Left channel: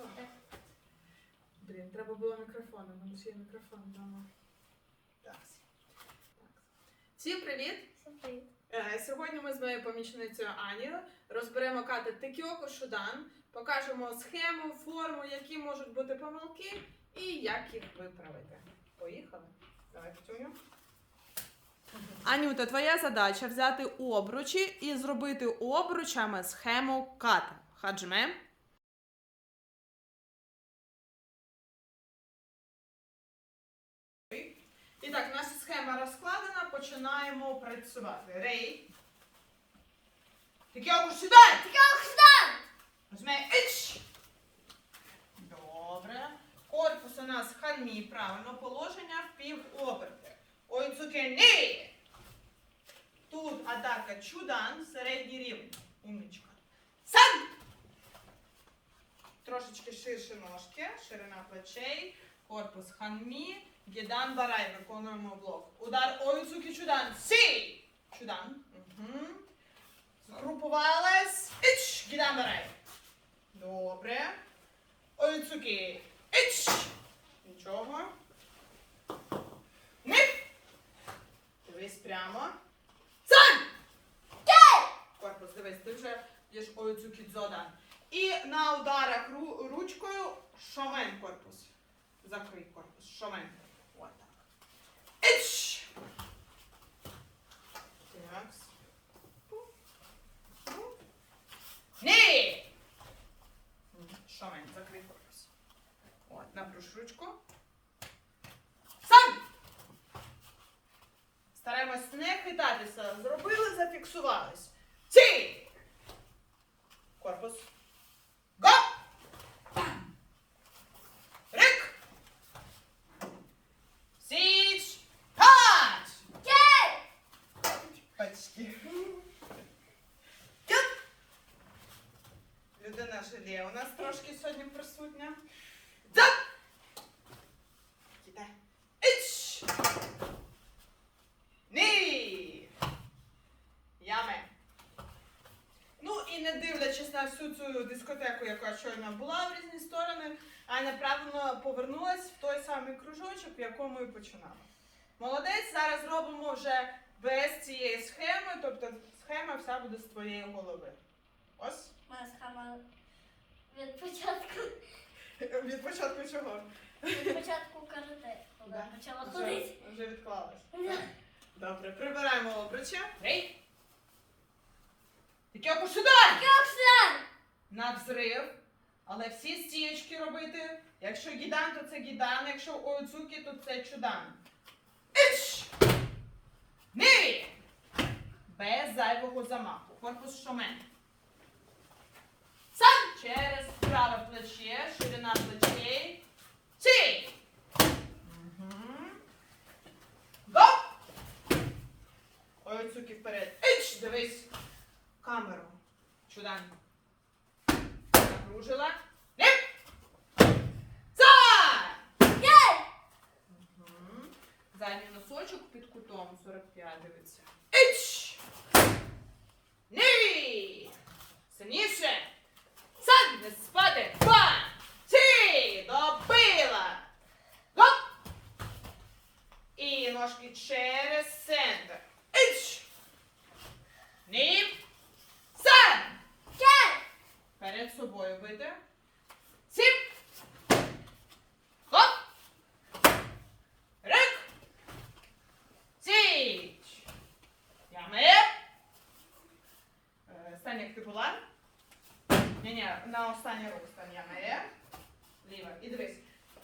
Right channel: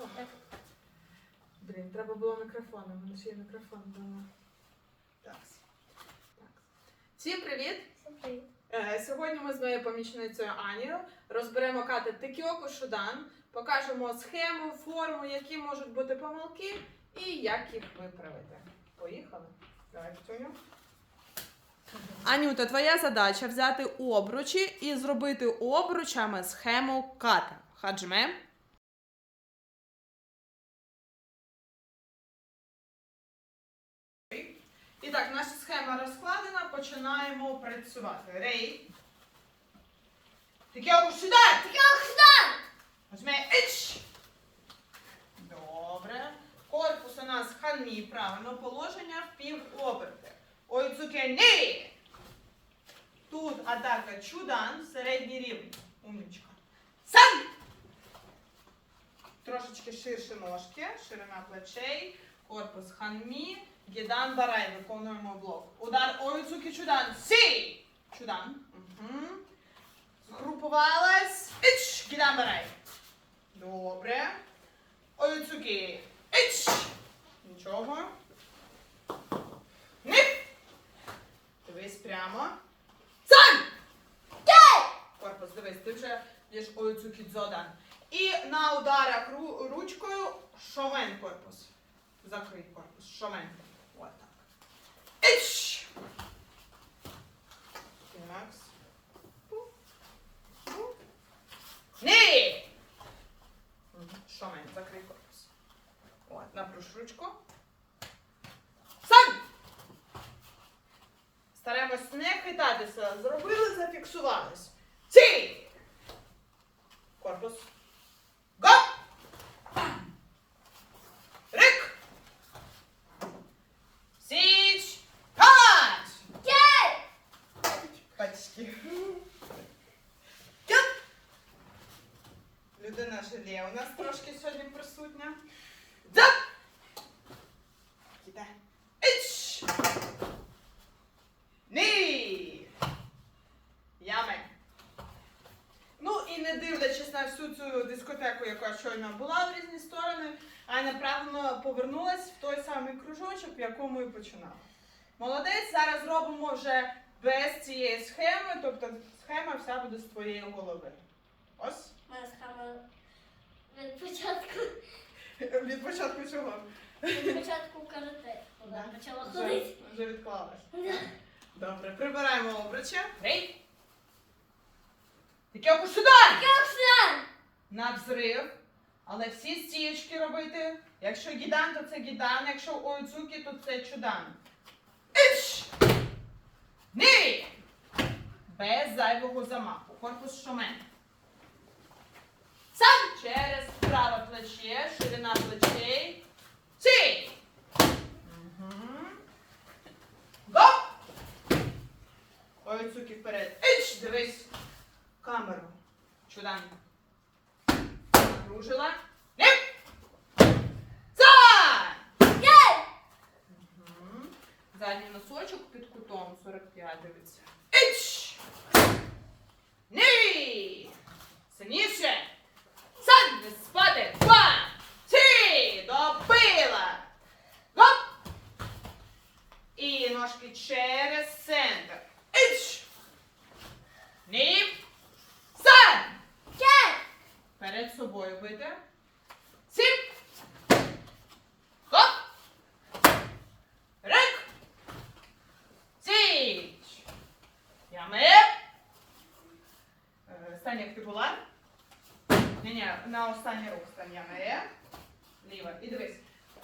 Готова? Блін, треба було мікрофон, у мене ще є мікрофон вдома. Так. так. Всім привіт! Всім привіт. Е, Сьогодні ми з моєю помічницею Анією розберемо кати Текіоко Шудан, покажемо схему, форму, які можуть бути помилки і як їх виправити. Поїхали. Давай, Петюню. Анюта, твоя задача взяти обручі і зробити обручами схему ката. Хаджме. І так, наша схема розкладена, починаємо працювати. Рей. Текіоко Шудан! Возьми іч. Добре. Корпус у нас ханмі, правильно положення в пів оберти. Ой, цуке ні. Тут атака чудан, середній рівень. Умничка. Сан! Трошечки ширше ножки, ширина плечей, корпус ханмі, гідан барай, виконуємо блок. Удар ойцуки чудан. Сі! Чудан. Угу. Згрупувалась. Іч! Гідан барай. Добре. Ойцуки. Іч! Нічого. Нип! Дивись прямо. Цан! Корпус, дивись, ти вже б'єш ойцуки дзодан. І на ударах ру- ручкою шомен корпус. Закрий корпус. Шомен. Ось так. Іч! Тінакс. Ні! Шомен, закрий корпус. От, напруж ручку. Сан! Стараємось не хитатися. Зробили, зафіксувались. Ці! Корпус. Людина желе у нас трошки сьогодні присутня. Дзап! Іч! Ні! Яме. Ну і не дивлячись на всю цю дискотеку, яка щойно була в різні сторони, Аня правильно повернулась в той самий кружочок, в якому і починала. Молодець, зараз робимо вже без цієї схеми, тобто схема вся буде з твоєї голови. Ось. Моя схема від початку Від початку чого? від початку карате. Коли Да. почала Вже, ходити. вже відклалась. Да. Добре, прибираємо обруча. Рей. Таке сюди! Йоксан! На взрив. Але всі стієчки робити. Якщо гідан, то це гідан, якщо ойцуки, то це чудан. Ні! Без зайвого замаху. Корпус шомен. Сам через праве плече, ширина плечей. Ці! Мгм. Го! Ойцуки вперед. Іч! Дивись. Камеру. Чудан. Напружила. Задній носочок під кутом 45 дивиться. Іч! Ні! Сильніше! Сад не спати! Два! Три! Добила! Гоп! І ножки через центр. Іч! Ні! Сад! Перед собою бити. Сіп! Гоп! Рик! Січ! Ями! Е, Стань, як ти була. Ні-ні, на останній рух стань ями. Ліва. І дивись.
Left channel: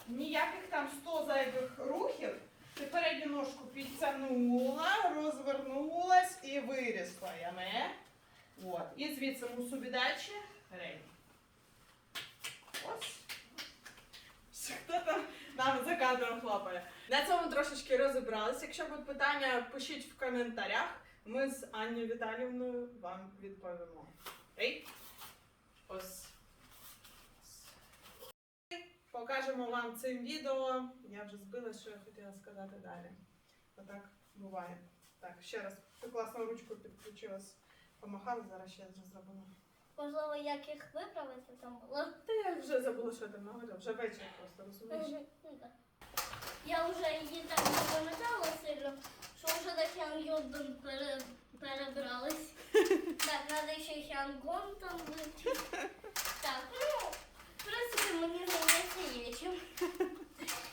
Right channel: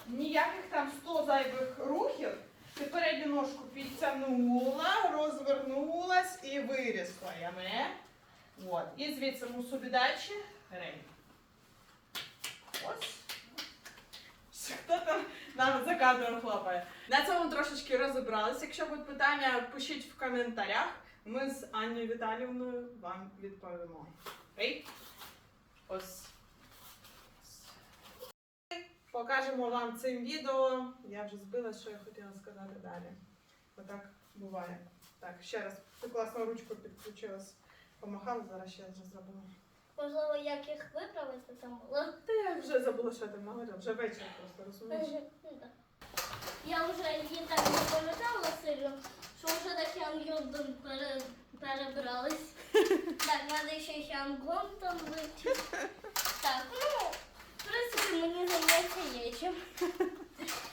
Ніяких там 100 зайвих рухів. Ти передню ножку підтягнула, розвернулась і вирісла. Ями. От. І звідси мусубідачі. Рей. Ось. Хто там нам за кадром хлопає? На цьому трошечки розібралися. Якщо будуть питання, пишіть в коментарях. Ми з Анною Віталівною вам відповімо. Рей. Ось. Покажемо вам цим відео. Я вже збила, що я хотіла сказати далі. Отак буває. Так, ще раз. Ти класно ручку підключилась. Помахала, зараз ще раз зробимо. можливо, як їх виправити там було. Та я вже забула, що там говорила, вже вечір просто розумієш. Ну. Я вже її так не пам'ятала сильно, що вже до Хянгйон пере, перебрались. Так, треба ще Хянгон там вивчити. Так, ну, в принципі, мені займається є чим.